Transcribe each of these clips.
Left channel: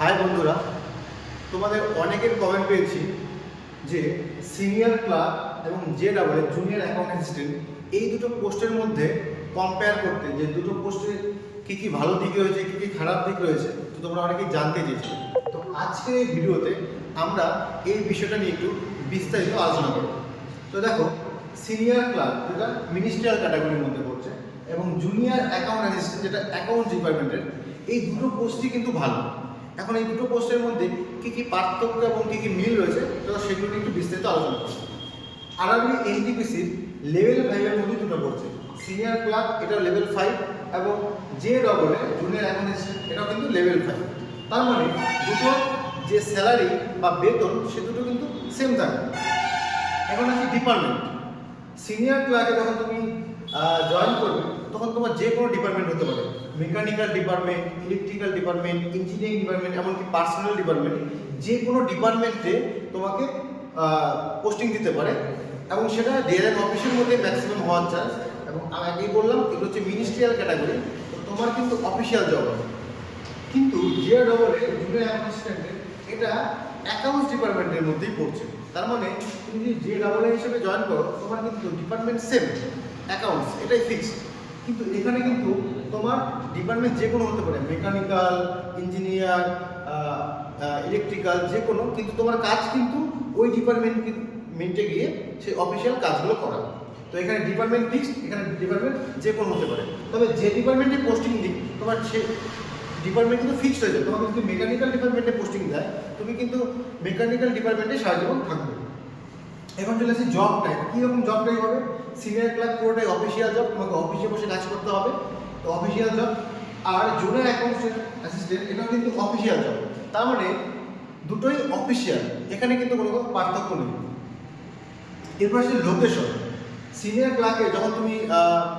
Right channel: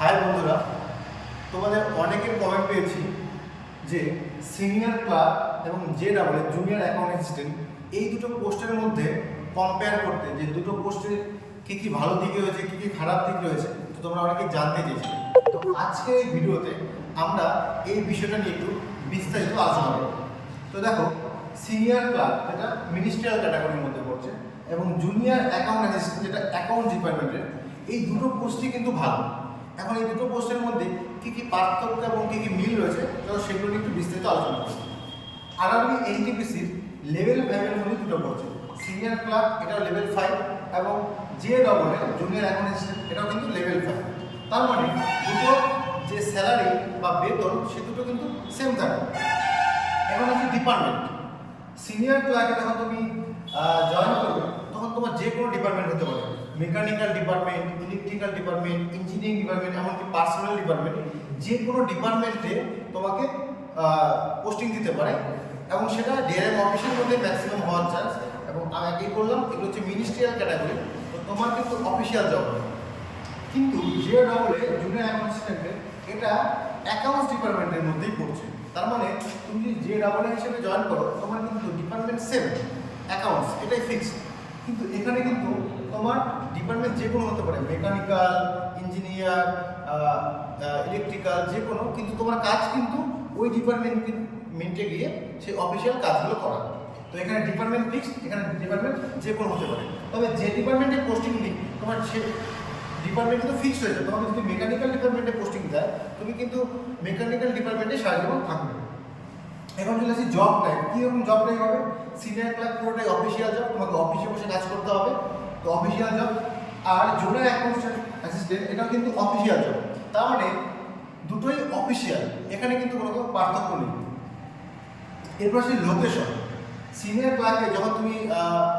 High বন্ধুরা, তোমাদের অনেকের কমেন্ট পেয়েছি যে সিনিয়র ক্লার্ক এবং J double junior account assistant এই দুটো পোস্টের মধ্যে কম্পেয়ার করতে, যে দুটো পোস্টে কী কী ভালো দিক রয়েছে, কী কী খারাপ দিক রয়েছে, তো তোমরা অনেকেই জানতে চেয়েছিলে। তো আজকে এই ভিডিওতে আমরা এই বিষয়টা নিয়ে একটু বিস্তারিত আলোচনা করব। তো দেখো সিনিয়র ক্লার্ক যেটা মিনিস্ট্রিয়াল ক্যাটাগরির মধ্যে পড়ছে এবং জুনিয়র অ্যাকাউন্ট অ্যাসিস্ট্যান্ট যেটা অ্যাকাউন্ট ডিপার্টমেন্টের এই দুটো পোস্টই কিন্তু ভালো। এখন এই দুটো পোস্টের মধ্যে কী কী পার্থক্য এবং কী কী মিল রয়েছে, তো সেগুলো একটু বিস্তারিত আলোচনা করব আরআরবি এনটিপিসি লেভেল ফাইভের মধ্যে দুটো পড়ছে। সিনিয়র ক্লাব এটা লেভেল ফাইভ এবং যে ডবলে জুনিয়র অ্যাকাউন্ট অ্যাসিস্ট্যান্ট এটাও কিন্তু লেভেল ফাইভ তার মানে দুটো যে স্যালারি বা বেতন, সে দুটো কিন্তু সেম থাকে। এখন হচ্ছে ডিপার্টমেন্ট সিনিয়র ক্লার্কে যখন তুমি জয়েন করবে, তখন তোমার যে কোনো ডিপার্টমেন্ট হতে পারে। Mechanical department electrical department engineering department এমনকি পার্সোনাল ডিপার্টমেন্ট যে কোনো ডিপার্টমেন্টে তোমাকে পোস্টিং দিতে পারে। এবং সেটা ডিআরএম অফিসের মধ্যে ম্যাক্সিমাম হওয়ার চান্স এবং আগেই বললাম, এগুলো হচ্ছে মিনিস্ট্রিয়াল ক্যাটাগরি তো তোমার কিন্তু অফিসিয়াল জব কিন্তু যে ডবলে জুনিয়র অ্যাকাউন্ট্যান্টের এটা অ্যাকাউন্টস ডিপার্টমেন্টের মধ্যেই পড়ছে। তার মানে তুমি যদি যে ডাবল হিসেবে জয়েন করো, তোমার কিন্তু ডিপার্টমেন্ট সেম অ্যাকাউন্টস এটাই ফিক্সড কিন্তু এখানে কিন্তু তোমার ডিপার্টমেন্ট যে কোনো হতে পারে মেকানিক্যাল ইঞ্জিনিয়ার ইলেকট্রিক্যাল যে কোনো কিন্তু তোমার কাজ কিন্তু ওই ডিপার্টমেন্টে গিয়ে সেই অফিসিয়াল কাজগুলো করা তো এখানে ডিপার্টমেন্ট ফিক্সড এখানে ডিপার্টমেন্ট যে কোনো হতে পারে। তবে যে ডিপার্টমেন্টে পোস্টিং দিই, তোমার সে ডিপার্টমেন্ট কিন্তু ফিক্সড হয়ে যায়। তোমাকে যদি মেকানিক্যাল ডিপার্টমেন্টে পোস্টিং দেয়, তুমি কিন্তু মেকানিক্যাল ডিপার্টমেন্টে সারা জীবন থাকবে। এখন চলে আসি জব টাইপ কীরকম জব টাইপ হবে? সিনিয়র ক্লার্ক পুরোটাই অফিসিয়াল জব তোমাকে অফিসে বসে কাজ করতে হবে। অফিসিয়াল জব আর জুনিয়র অ্যাকাউন্ট অ্যাসিস্ট্যান্ট এটাও কিন্তু অফিসিয়াল জব তার মানে দুটোই অফিসিয়াল এখানে কিন্তু কোনো পার্থক্য নেই। এরপর আসলে লোকেশন সিনিয়র ক্লার্কে যখন তুমি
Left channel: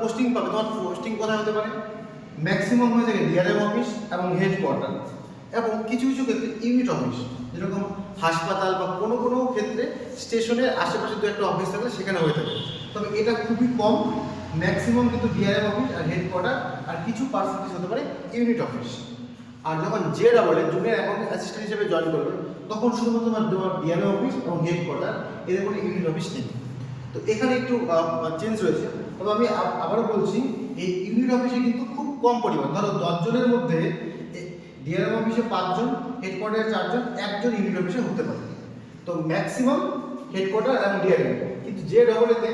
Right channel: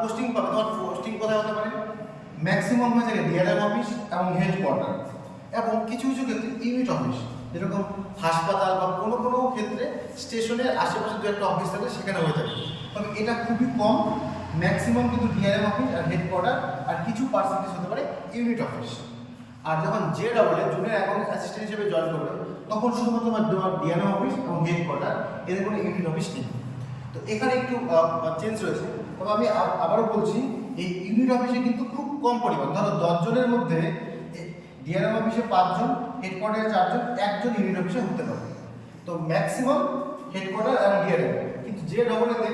পোস্টিং পাবে তখন পোস্টিং কোথায় হতে পারে? ম্যাক্সিমাম হয়ে থাকে ডিআরএম অফিস এবং হেডকোয়ার্টার এবং কিছু কিছু ক্ষেত্রে ইউনিট অফিস যেরকম হাসপাতাল বা কোনো কোনো ক্ষেত্রে স্টেশনের আশেপাশে দু একটা অফিস থাকে, সেখানে হয়ে থাকে। তবে এটা খুবই কম। ম্যাক্সিমাম কিন্তু ডিআরএম অফিস আর হেডকোয়ার্টার আর কিছু পার্সেন্টেজ হতে পারে ইউনিট অফিস আর যখন যে ডাবলে জুনিয়র অ্যাকাউন্ট অ্যাসিস্ট্যান্ট হিসেবে জয়েন করবে, তখন শুধুমাত্র তোমার ডিআরএম অফিস এবং হেডকোয়ার্টার এদের কোনো ইউনিট অফিস নেই। তো এখানে একটু চেঞ্জ রয়েছে। তবে আমি আবারও বলছি, এই ইউনিট অফিসে কিন্তু খুব কম পরিমাণ। ধরো দশজনের মধ্যে ডিআরএম অফিসে পাঁচজন হেডকোয়ার্টারে চারজন, একজন ইউনিট অফিসে হতে পারে তো ম্যাক্সিমাম হেডকোয়ার্টার এবং ডিআরএম কিন্তু যে ডবলেতে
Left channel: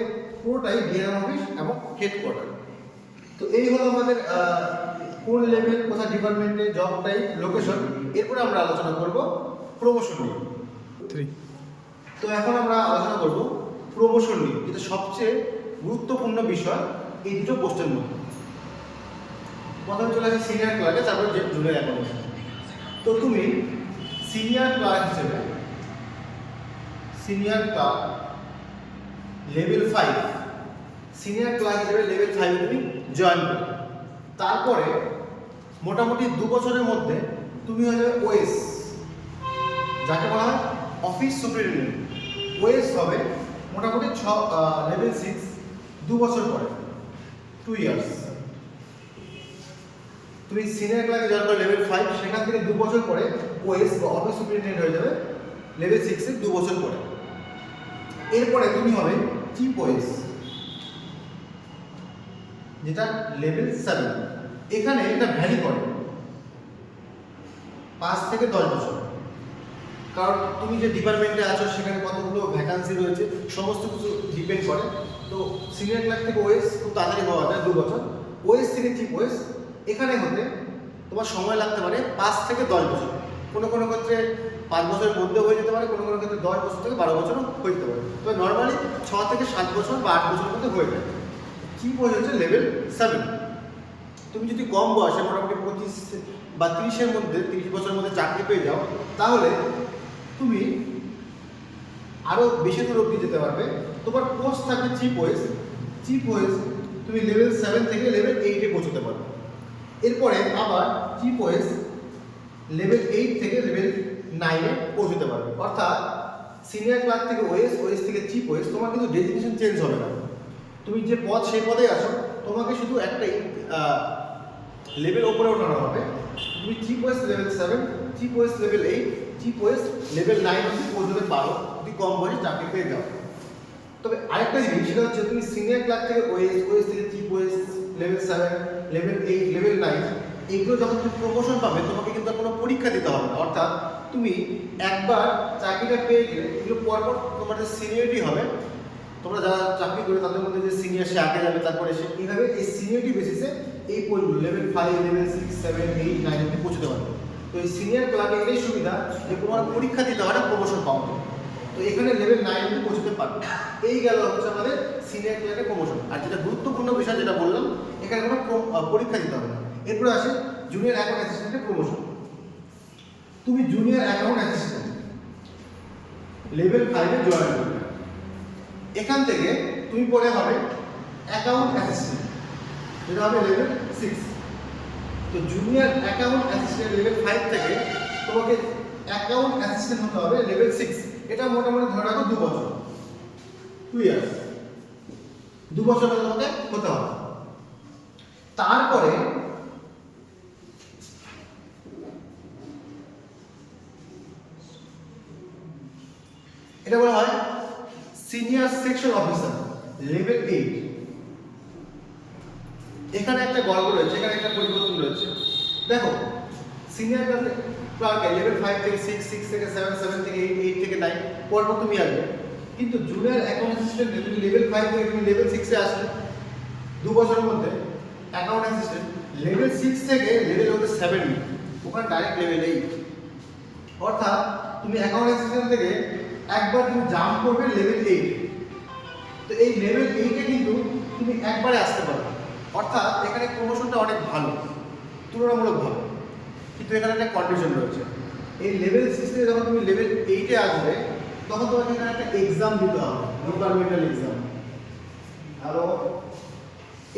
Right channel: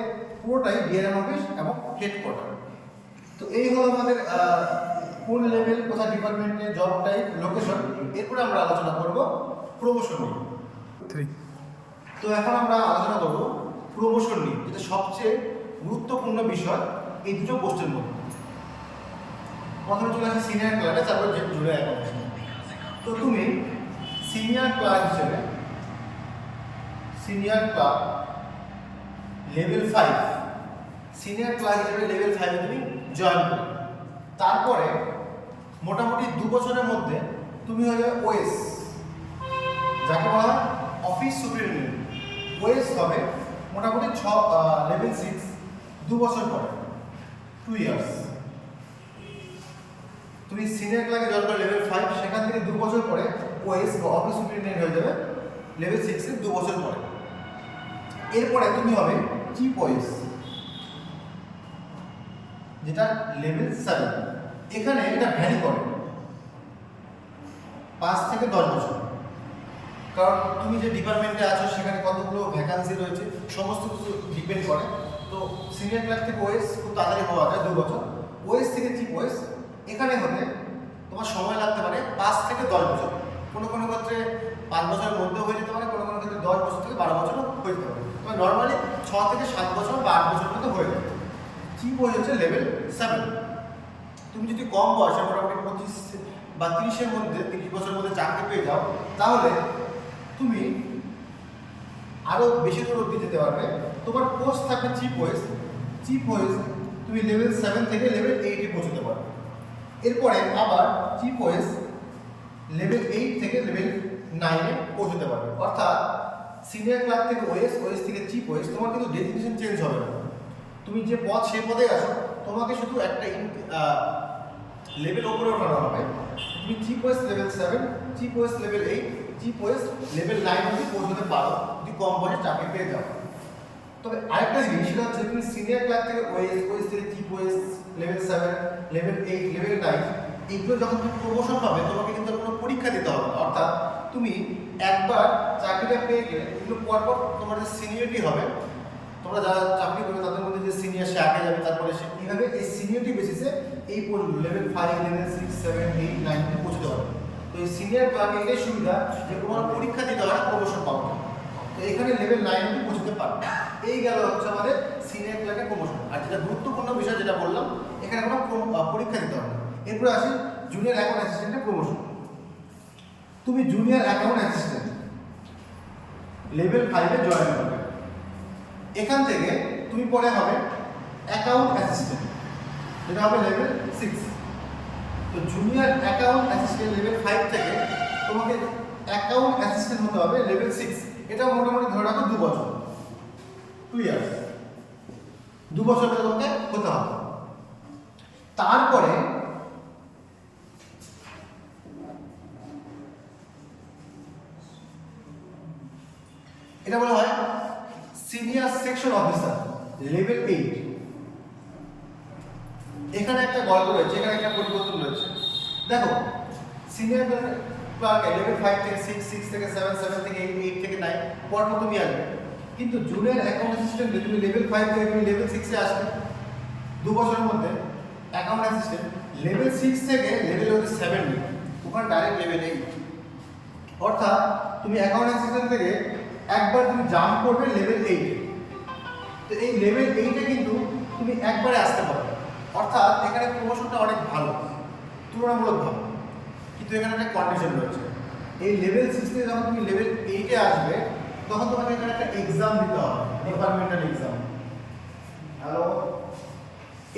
পুরোটাই ডিআরএম অফিস এবং হেডকোয়ার্টার তো এই হলো আমাদের কোন লেভেল কোথায় ডিপার্টমেন্টে জব টাইপ লোকেশন এরপরে আমরা আলোচনা করব প্রমোশন নিয়ে। থ্রি তো এখন আমরা আলোচনা করব প্রমোশন নিয়ে যেটা সবচেয়ে গুরুত্বপূর্ণ বিষয় এই দুটো পোস্টের মধ্যে প্রথমে চলে আসি সিনিয়র ক্লার্কে তারপর যে জুড়ে এখন আছে। তো তুমি সিনিয়র ক্লার্ক হিসেবে senior clerk level five senior clerk হিসেবে লেভেল ফাইভে তুমি জয়েন করবে তারপরে মোটামুটি দু বছরের মধ্যে তুমি হয়ে যাবে ওএস যাকে বলা হয় অফিস সুপ্রিনটেন্ডেন্ট ওয়েস হবে মোটামুটি ছ লেভেল সিক্স দু বছর পরে টু ইয়ার্স তুমি সিনিয়র ক্লার্কে জয়েন করো লেভেল ফাইভ সেখান থেকে দু বছর পরে ওএস বা অফিস সুপ্রিনটেন্ডেন্ট হয়ে যাবে লেভেল সিক্সে দু বছর পরে। এরপরে তুমি হবে চিফ ওয়েস যেটা লেভেল সেভেন এখানে এটা ভ্যারি করে। পাঁচ থেকে দশ বছর। কারণ তুমি যে ডিপার্টমেন্টে আছো, সেখানে কতগুলো ভ্যাকান্সি রয়েছে, সমস্ত কিছু ডিপেন্ড করে। তো সিনিয়র ক্লাস থেকে ওয়েস খুব তাড়াতাড়ি হওয়া যায়, দু বছর। ওয়েস থেকে চিফ ওয়েস এখানে হতে তোমার সময় লাগতে পারে পাঁচ থেকে দশ বছর। কোনো কোনো ক্ষেত্রে পাঁচ বছরের মধ্যে হয়ে যেতে পারে, কোনো কোনো ক্ষেত্রে দশ বছর থেকে বারো বছরও হয়ে যেতে পারে। তবে নর্মালি ছ থেকে সাত বছর বা আট বছরের মধ্যে হয়ে যায়। চিফ ওয়েস হচ্ছে? Level seven. তুমি যদি কম বয়সে মোটামুটি পঁচিশ বা তিরিশের মধ্যে, তিরিশ বছরের মধ্যে চাকরি পেয়ে যাও, তাহলে তুমি আরও বেশি দূর অব্দি যেতে পারবে। তোমার পোস্ট থাকবে চিপ ওয়েস চিপ ওয়েস তুমি লেভেল সেভেন থেকে লেভেল এইটে পৌঁছতে পারবে। এরপরে আবার চিপ ওয়েস লেভেল এইট থেকে লেভেল নাইনে পৌঁছতে পারবে। অর্থাৎ সিনিয়র ক্লাস থেকে ওয়েস ওয়েস থেকে চিপ ওয়েস তোমার কিন্তু ডেজিগনেশন চেঞ্জ হবে না। তুমি যে পদ, সেই পদে আছো। তোমাকে শুধু একটা লেভেল ওপরে ওঠানো হবে। তুমি chief OS level seven chief OS level eight chief OS level nine অব্দি পৌঁছতে পারো। তুমি কম বয়সে চাকরি পেয়ে যাও। তবে আরেকটা জিনিস, সেটা হচ্ছে তুমি সিনিয়র ক্লাস থেকে ওয়েস ওয়েস থেকে chief OS level seven level eight level nine এইগুলো যখন তুমি প্রমোশন পাবে, তোমাকে কিন্তু কোনো পরীক্ষা দিতে হবে না। অর্থাৎ তুমি একবার চাকরিটা পেয়ে গেলে, এগুলো পরপর তোমাদের সিনিয়রিটি হবে। তোমরা যারা চাকরি করবে, তাদের মধ্যে যে সিনিয়র সে আগে যাবে, তারপরে সে এইভাবে এই সিনিয়রিটি বেসিসে এই পোস্টগুলো level five level six seven eight nine পৌঁছতে পারবে তো এই সিনিয়র ক্লাবে এটাই সুবিধা যে তোমার পরীক্ষা দিতে হয় না প্রমোশন পাওয়ার জন্য তো এখানে লেভেল নাইন অব্দি পৌঁছতে পারবে। এই গেল হচ্ছে আমাদের সিনিয়র ক্লাবে প্রমোশন আর যেটা গুরুত্বপূর্ণ বিষয় যেটা বললাম, এখানে কোনো পরীক্ষা দিতে হবে না। এরপরে আসি জুনিয়র অ্যাকাউন্ট অ্যাসিস্ট্যান্টের প্রমোশন তুমি জুনিয়র অ্যাকাউন্ট অ্যাসিস্ট্যান্ট লেভেল ফাইভে জয়েন করবে এখান থেকে তুমি পরে হবে অ্যাকাউন্ট অ্যাসিস্ট্যান্ট যেটা হবে লেভেল সিক্স তো junior account assistant level five থেকে তোমাকে অ্যাকাউন্ট অ্যাসিস্ট্যান্ট হতে হবে লেভেল সিক্স এটা মোটামুটি ধরে রাখো দু বছর টু ইয়ার্স দু বছর মধ্যে তোমাকে হতে হবে। তারপরে এটা বলা হয় senior section officer, level eight. এখানে একটা গল্প রয়েছে, এখানে একটা পরিবর্তন রয়েছে। দেখো সিনিয়র ক্লার্কে লেভেল ফাইভ থেকে সিক্স সিক্স থেকে সেভেন সেভেন থেকে এইট এইট থেকে নাইন পরপর তুমি আসবে। কিন্তু জুনিয়র অ্যাকাউন্ট অ্যাসিস্ট্যান্টে তুমি লেভেল ফাইভ থেকে তুমি লেভেল সিক্সে আসলে দু বছরের মধ্যে অ্যাকাউন্ট অ্যাসিস্ট্যান্ট লেভেল সিক্স থেকে লেভেল হচ্ছে সেভেন ওখানে ডাইরেক্ট লেভেল এইট অর্থাৎ তুমি অ্যাকাউন্ট অ্যাসিস্ট্যান্ট থেকে একবার তুমি জাম্প করবে লেভেল এইটে তো এই লেভেল এইটে কিন্তু তুমি একবারে আসতে পারবে। অর্থাৎ এখানে প্রমোশনটা অনেক ভালো, তুলনামূলক ভালো। কিন্তু এখানে একটা কন্ডিশন রয়েছে। এই লেভেল সিক্স যখন তুমি লেভেল এইটে আসবে, তখন তোমাকে এখানে একটা এক্সাম দিতে হবে ডিপার্টমেন্টাল এক্সাম হ্যালো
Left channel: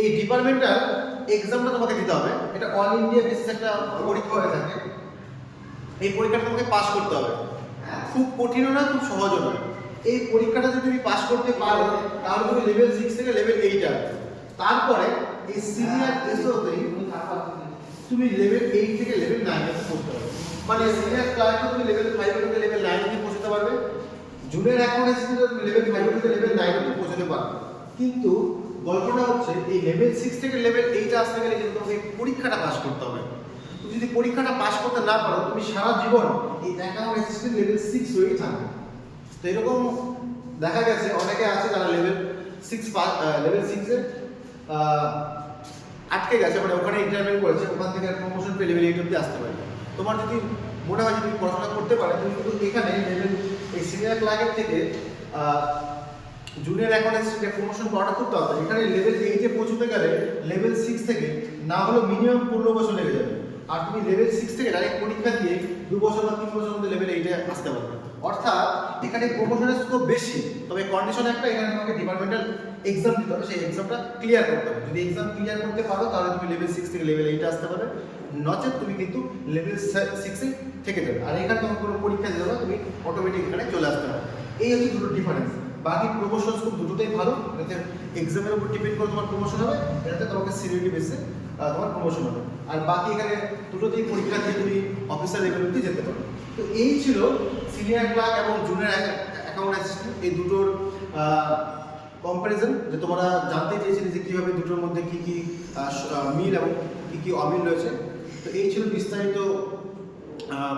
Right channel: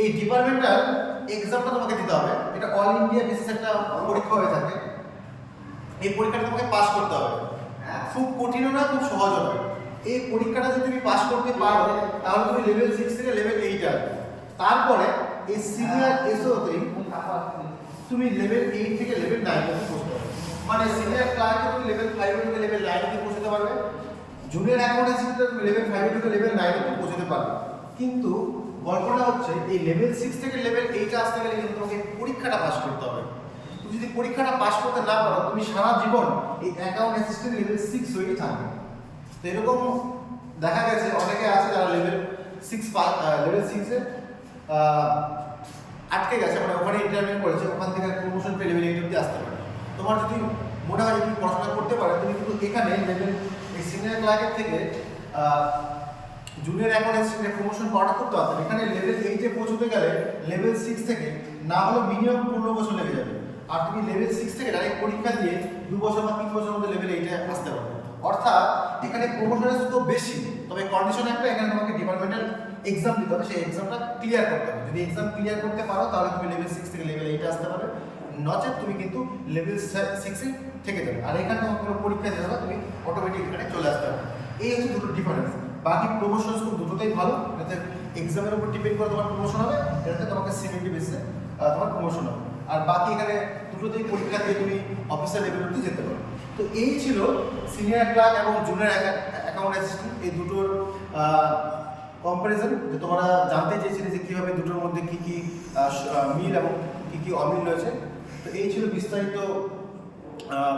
এই ডিপার্টমেন্টাল এক্সামটা তোমাকে দিতে হবে। এটা অল ইন্ডিয়া বেসিস একটা পরীক্ষা হয়ে থাকে। এই পরীক্ষাটা তোমাকে পাস করতে হবে। খুব কঠিনও নয়, খুব সহজও নয় এই পরীক্ষাটা যদি তুমি পাস করতে পারো, তাহলে তুমি লেভেল সিক্স থেকে লেভেল এইট আসবে। তারপরে এই সিনিয়র এসওতেই তুমি লেভেল এইট থেকে লেভেল নাইন অব্দি পড়তে পারবে। মানে সিনিয়র ক্লার্কে তুমি লেভেল ফাইভ থেকে লেভেল নাইন অব্দি পৌঁছতে পারবে। জুনিয়র অ্যাকাউন্ট অ্যাসিস্ট্যান্টে তুমি লেভেল ফাইভ থেকে লেভেল নাইন অব্দি পৌঁছতে পারবে। কিন্তু গল্পটা হচ্ছে, এই লেভেল সিক্স থেকে লেভেল এইট আসতে গেলে কিন্তু তোমাকে পরীক্ষাটা পাস করতে হবে। যদি পরীক্ষাটা পাস করতে না পারো, তুমি সারা জীবন এই অ্যাকাউন্ট অ্যাসিস্ট্যান্ট লেভেল সিক্স হয়েই থাকবে। তো এরকম দেখা গেছে, অনেকে আছে তারা লেভেল সিক্স লেভেল সিক্সে আটকে গেছে মানে ওখানে ইন্টারভিউ করেছে, ওখান থেকে প্রমোশন পেয়ে লেভেল এইট অব্দি আসতে পারে। তোমার যদি মনে হয় যে তুমি পড়াশোনা করতে পারে, তুমি কিন্তু এখানে লেভেল এই সিনিয়র ক্লার্কের থেকে জুনিয়র অ্যাকাউন্ট অ্যাসিস্ট্যান্টের প্রমোশন পাওয়াটা খুব তাড়াতাড়ি। এখানে লেভেল এইটে পৌঁছতে গেলে লেভেল সিক্স থেকে না হলেও মিনিমাম পনেরো বছর লেগে যাবে। আর তুমি লেভেল সিক্স থেকে ডাইরেক্ট পরীক্ষা দিয়ে দু বছর বা তিন বছর মধ্যে লেভেল এইটে আসতে পারবে। অর্থাৎ এখানে প্রমোশনের স্কোপ বেশি, তবে কন্ডিশন একটা, এখানে তোমাকে ডিপার্টমেন্টাল এক্সাম দিতে হবে, সেই এক্সামটা ক্লিয়ার করতে হবে। যদি এক্সাম ক্লিয়ার করতে পারো, তাহলে তুমি লেভেল সিক্স থেকে লেভেল এইটে আসতে পারবে। নচেত তুমি কিন্তু লেভেল সিক্সে থেকে যাবে। আর এখানে তোমার কোনো পরীক্ষা হবে, তুমি অটোমেটিক এখানে চলে আসতে পারবে। এই হচ্ছে দুটো ডিফারেন্স বাকি প্রমোশন স্কোপ দুটোতেই ভালো এটাতে এক্সামের উপর ডিপেন্ড করে তোমার প্রমোশন হবে এটাতে তোমাকে সিনিয়রিটি বেসে তোমার প্রমোশন হবে। আর বাকি এখানে দুটোতেই পরীক্ষা দিয়ে তুমি অফিসার লেভেল অব্দি যেতে পারো। তো এই ছিল সিনিয়র ক্লার্ক এবং জুনিয়র অ্যাকাউন্ট অ্যাসিস্ট্যান্ট এই দুটোর কম্প্যারিজন যে তোমরা জানতে চেয়েছিলে যে কীভাবে দুটোর মধ্যে কী কী মিল এবং কী কী অমিল রয়েছে। তো এই ছিল বিস্তারিত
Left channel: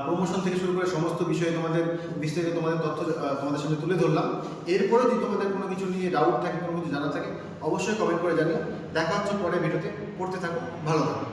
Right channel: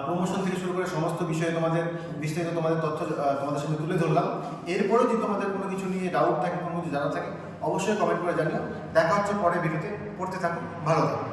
প্রমোশন থেকে শুরু করে সমস্ত বিষয়ে তোমাদের, বিস্তারিত তোমাদের তথ্য তোমাদের সামনে তুলে ধরলাম। এরপরেও যদি তোমাদের কোনো কিছু নিয়ে ডাউট থাকে, কোনো কিছু জানা থাকে, অবশ্যই কমেন্ট করে জানিও। দেখা হচ্ছে পরে ভিডিওতে পড়তে থাকো, ভালো থাকো।